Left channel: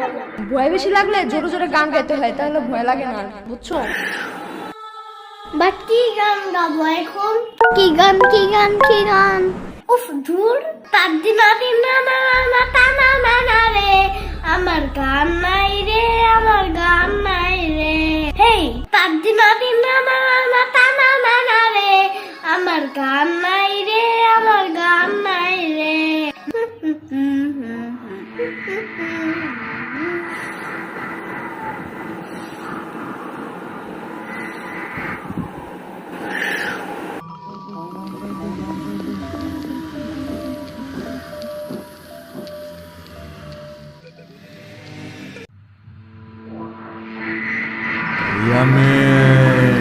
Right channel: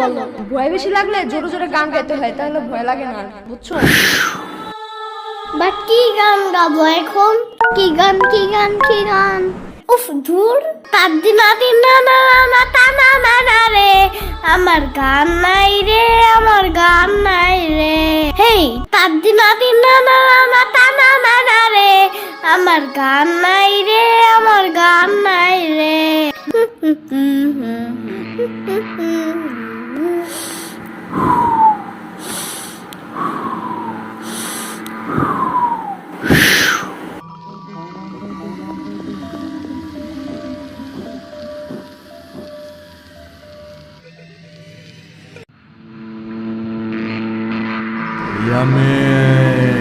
বলো। ভয় বেশি লাগলে জোরে জোরে গান গাইতে হয়, তাহলে ভয় লাগে না, বুঝছো? বাট কি গান গাবো এখন? কি গান? উফ ধুর, তাদ্দি নাতি না না না তানা না না রে, আমার গান নাই রে, আমার গান নাই রে। হেই তাদ্দি নাতি না না না তানা না না রে, আমার গান নাই